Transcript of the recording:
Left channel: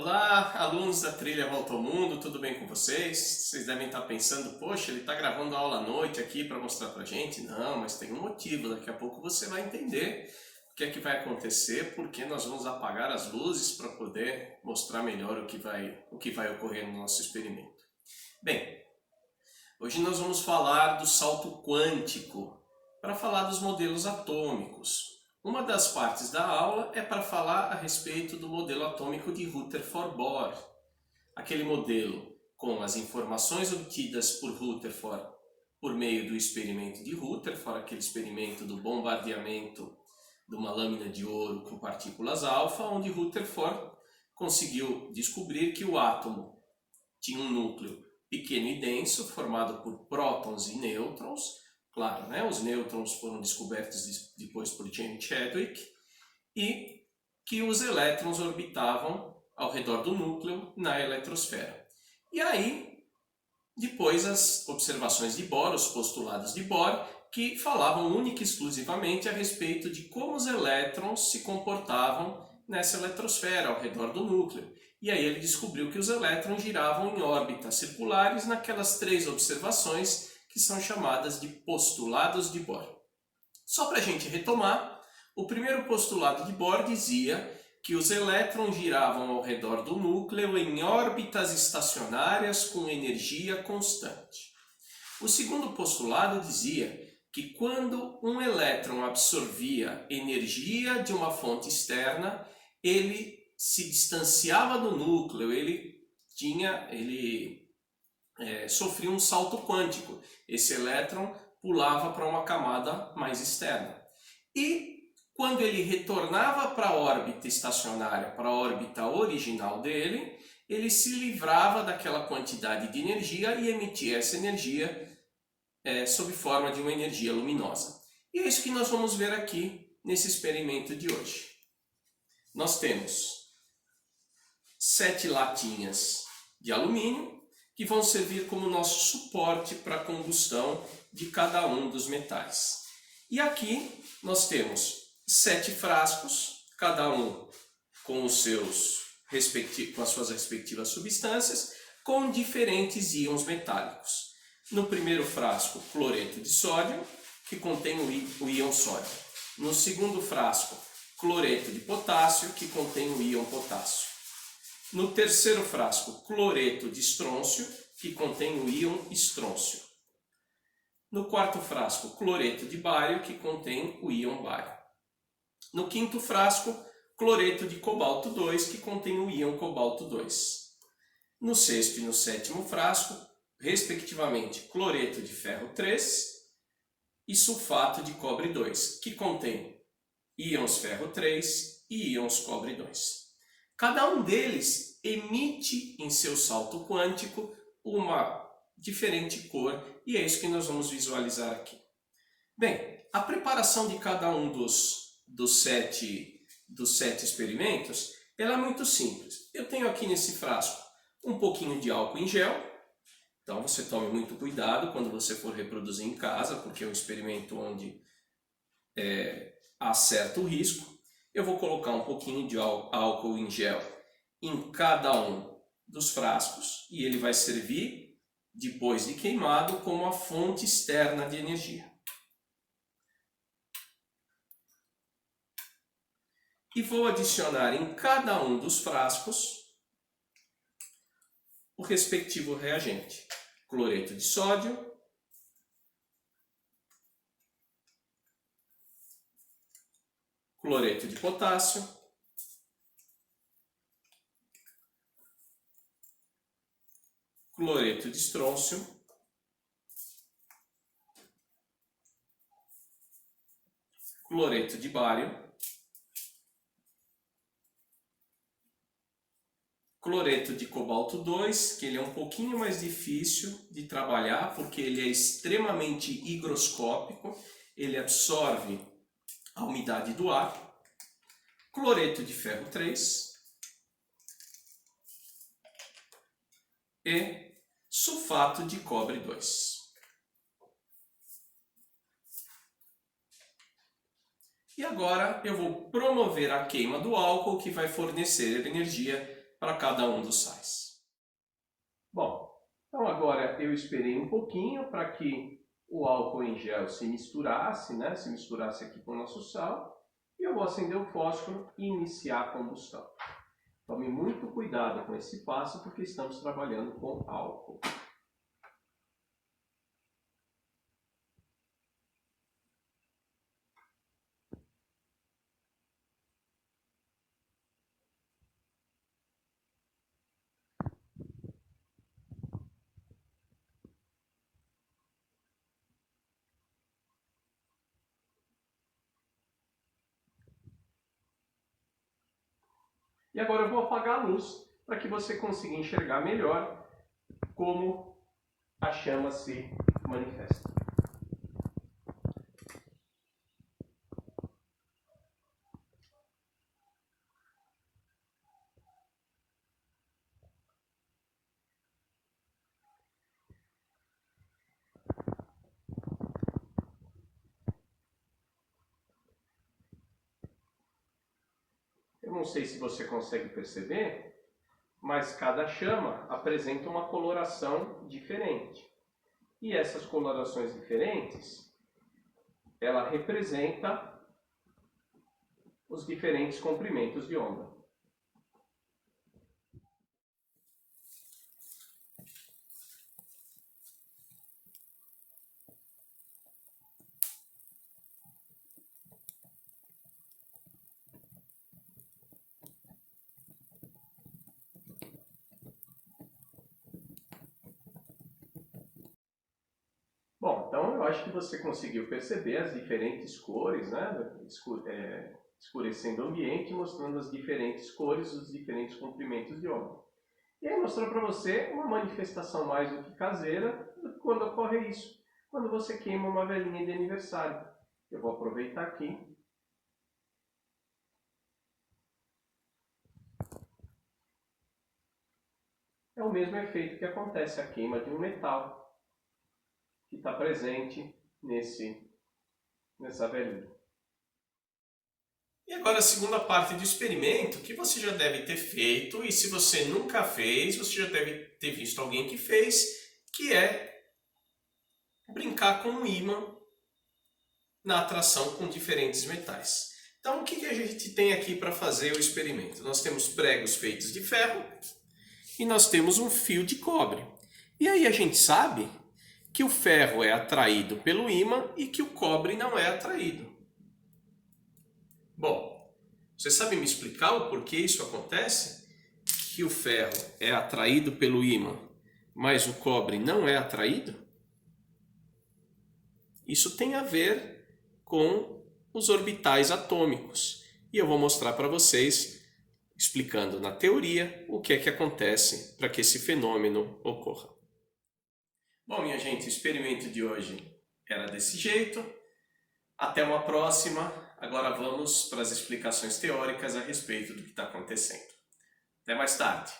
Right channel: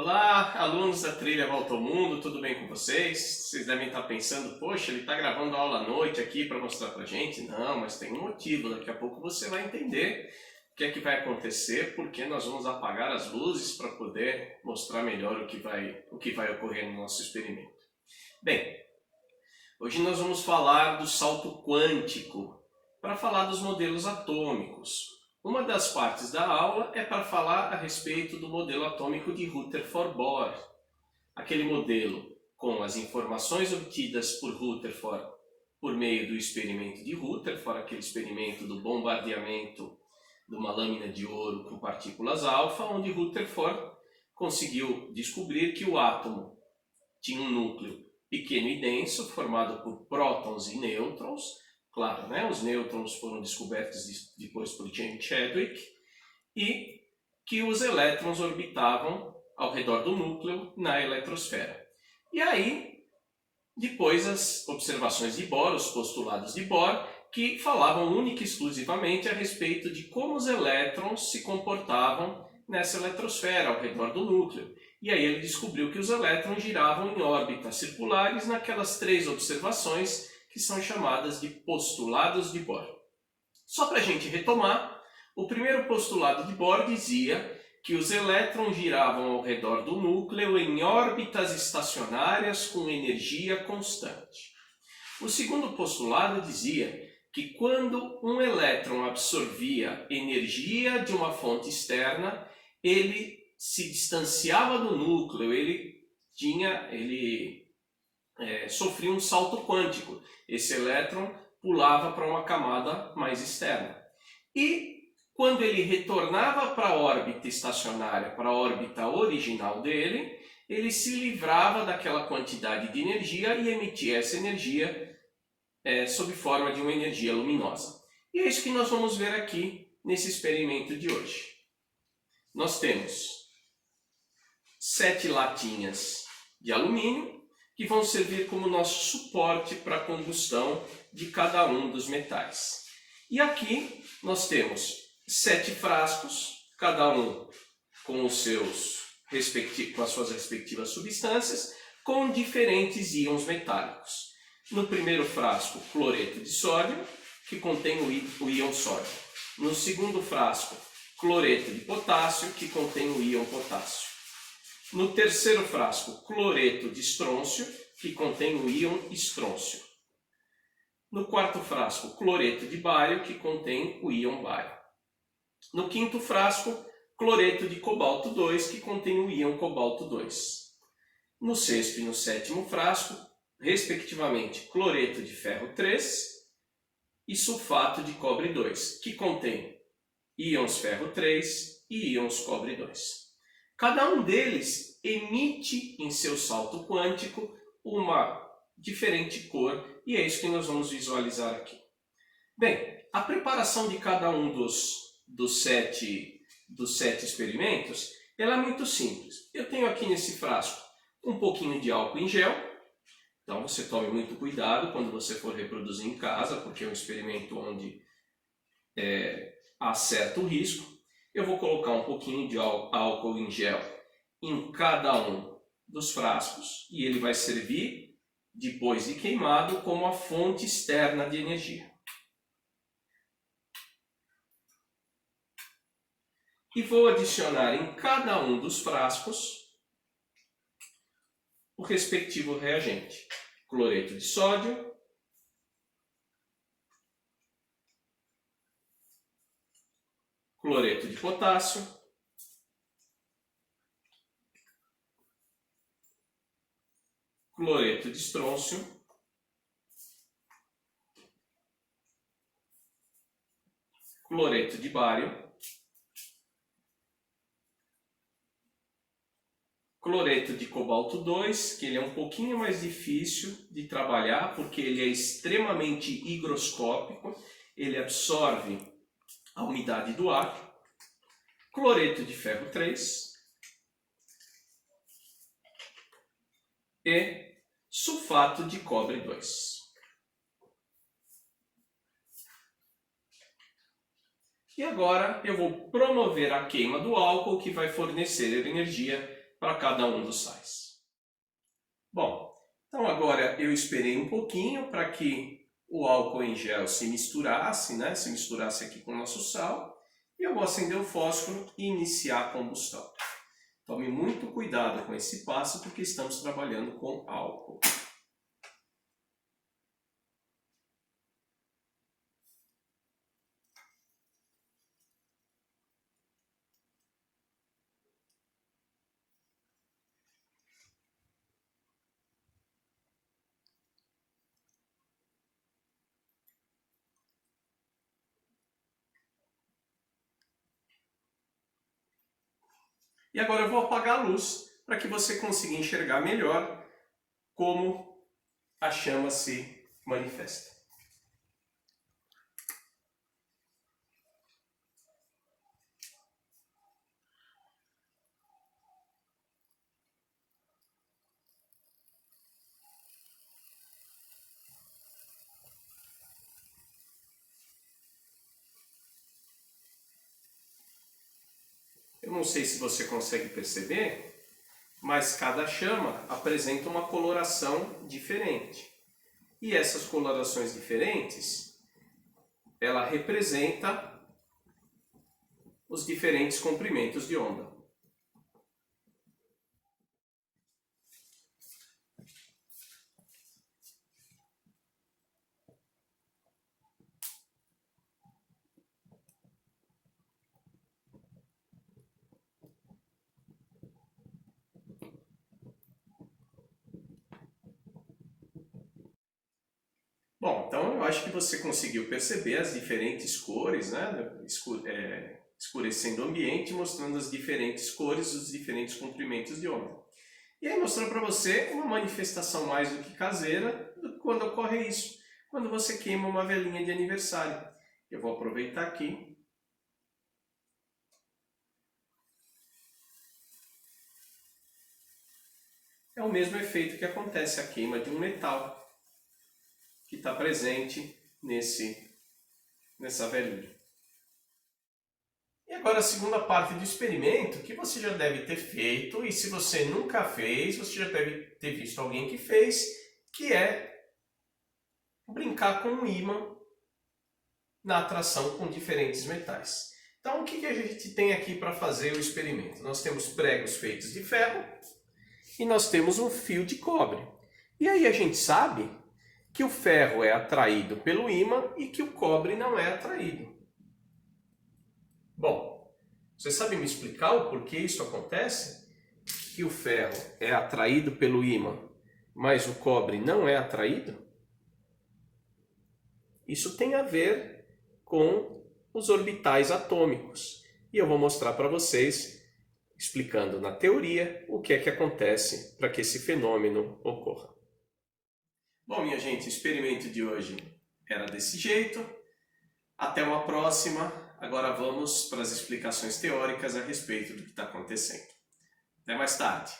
Olá, alunos da trilha Volta ao Mundo, tudo bem com vocês? Vocês devem estar pensando, poxa, ele está gravando aula à noite aqui para mostrar para gente. Não, mas tem um motivo, daqui a pouco você vai entender o que é que vai acontecer, porque nós vamos apagar as luzes para poder mostrar melhor o que vai ocorrer no nosso experimento. Bem, hoje nós vamos falar do salto quântico, para falar dos modelos atômicos. Uma das partes da aula é para falar a respeito do modelo atômico de Rutherford-Bohr, aquele modelo com as informações obtidas por Rutherford por meio do experimento de Rutherford, aquele experimento do bombardeamento de uma lâmina de ouro com partículas alfa, onde Rutherford conseguiu descobrir que o átomo tinha um núcleo pequeno e denso, formado por prótons e nêutrons. Claro, né? Os nêutrons foram descobertos depois por James Chadwick, e que os elétrons orbitavam ao redor do núcleo na eletrosfera. E aí, depois as observações de Bohr, os postulados de Bohr, que falavam única e exclusivamente a respeito de como os elétrons se comportavam nessa eletrosfera ao redor do núcleo. E aí ele descobriu que os elétrons giravam em órbitas circulares naquelas três observações que são chamadas de postulados de Bohr. Só para a gente retomar, o primeiro postulado de Bohr dizia que os elétrons giravam ao redor do núcleo em órbitas estacionárias com energia constante. O segundo postulado dizia que quando um elétron absorvia energia de uma fonte externa, ele se distanciava do núcleo, ele sofria um salto quântico. Esse elétron pulava para uma camada mais externa. E quando ele retornava para a órbita estacionária, para a órbita original dele, ele se livrava daquela quantidade de energia e emitia essa energia sob forma de uma energia luminosa. E é isso que nós vamos ver aqui nesse experimento de hoje. Nós temos 7 latinhas de alumínio, que vão servir como nosso suporte para a combustão de cada um dos metais. E aqui nós temos 7 frascos, cada um com as suas respectivas substâncias, com diferentes íons metálicos. No primeiro frasco, cloreto de sódio, que contém o íon sódio. No segundo frasco, cloreto de potássio, que contém o íon potássio. No terceiro frasco, cloreto de estrôncio, que contém o íon estrôncio. No quarto frasco, cloreto de bário, que contém o íon bário. No quinto frasco, cloreto de cobalto 2, que contém o íon cobalto 2. No sexto e no sétimo frasco, respectivamente, cloreto de ferro 3 e sulfato de cobre 2, que contém íons ferro 3 e íons cobre 2. Cada um deles emite em seu salto quântico uma diferente cor, e é isso que nós vamos visualizar aqui. Bem, a preparação de cada um dos sete experimentos ela é muito simples. Eu tenho aqui nesse frasco um pouquinho de álcool em gel, então você tome muito cuidado quando você for reproduzir em casa, porque é um experimento onde há certo risco. Eu vou colocar um pouquinho de álcool em gel em cada um dos frascos e ele vai servir, depois de queimado, como a fonte externa de energia. E vou adicionar em cada um dos frascos o respectivo reagente. Cloreto de sódio, cloreto de potássio, cloreto de estrôncio, cloreto de bário, cloreto de cobalto 2, que ele é um pouquinho mais difícil de trabalhar porque ele é extremamente higroscópico, ele absorve a umidade do ar, cloreto de ferro 3 e sulfato de cobre 2. E agora eu vou promover a queima do álcool, que vai fornecer energia para cada um dos sais. Bom, então agora eu esperei um pouquinho para que o álcool em gel se misturasse, né? Se misturasse aqui com o nosso sal, e eu vou acender o fósforo e iniciar a combustão. Tome muito cuidado com esse passo porque estamos trabalhando com álcool. E agora eu vou apagar a luz para que você consiga enxergar melhor como a chama se manifesta. Eu não sei se você consegue perceber, mas cada chama apresenta uma coloração diferente. E essas colorações diferentes, ela representa os diferentes comprimentos de onda. Bom, então eu acho que você conseguiu perceber as diferentes cores, né? Escurecendo o ambiente, mostrando as diferentes cores, os diferentes comprimentos de onda. E aí mostrando para você uma manifestação mais do que caseira quando ocorre isso, quando você queima uma velinha de aniversário. Eu vou aproveitar aqui. É o mesmo efeito que acontece a queima de um metal que está presente nessa velinha. E agora a segunda parte do experimento que você já deve ter feito, e se você nunca fez, você já deve ter visto alguém que fez, que é brincar com um ímã na atração com diferentes metais. Então o que a gente tem aqui para fazer o experimento? Nós temos pregos feitos de ferro e nós temos um fio de cobre. E aí a gente sabe que o ferro é atraído pelo ímã e que o cobre não é atraído. Bom, você sabe me explicar o porquê isso acontece? Que o ferro é atraído pelo ímã, mas o cobre não é atraído? Isso tem a ver com os orbitais atômicos. E eu vou mostrar para vocês, explicando na teoria, o que é que acontece para que esse fenômeno ocorra. Bom, minha gente, o experimento de hoje era desse jeito. Até uma próxima. Agora vamos para as explicações teóricas a respeito do que está acontecendo. Até mais tarde.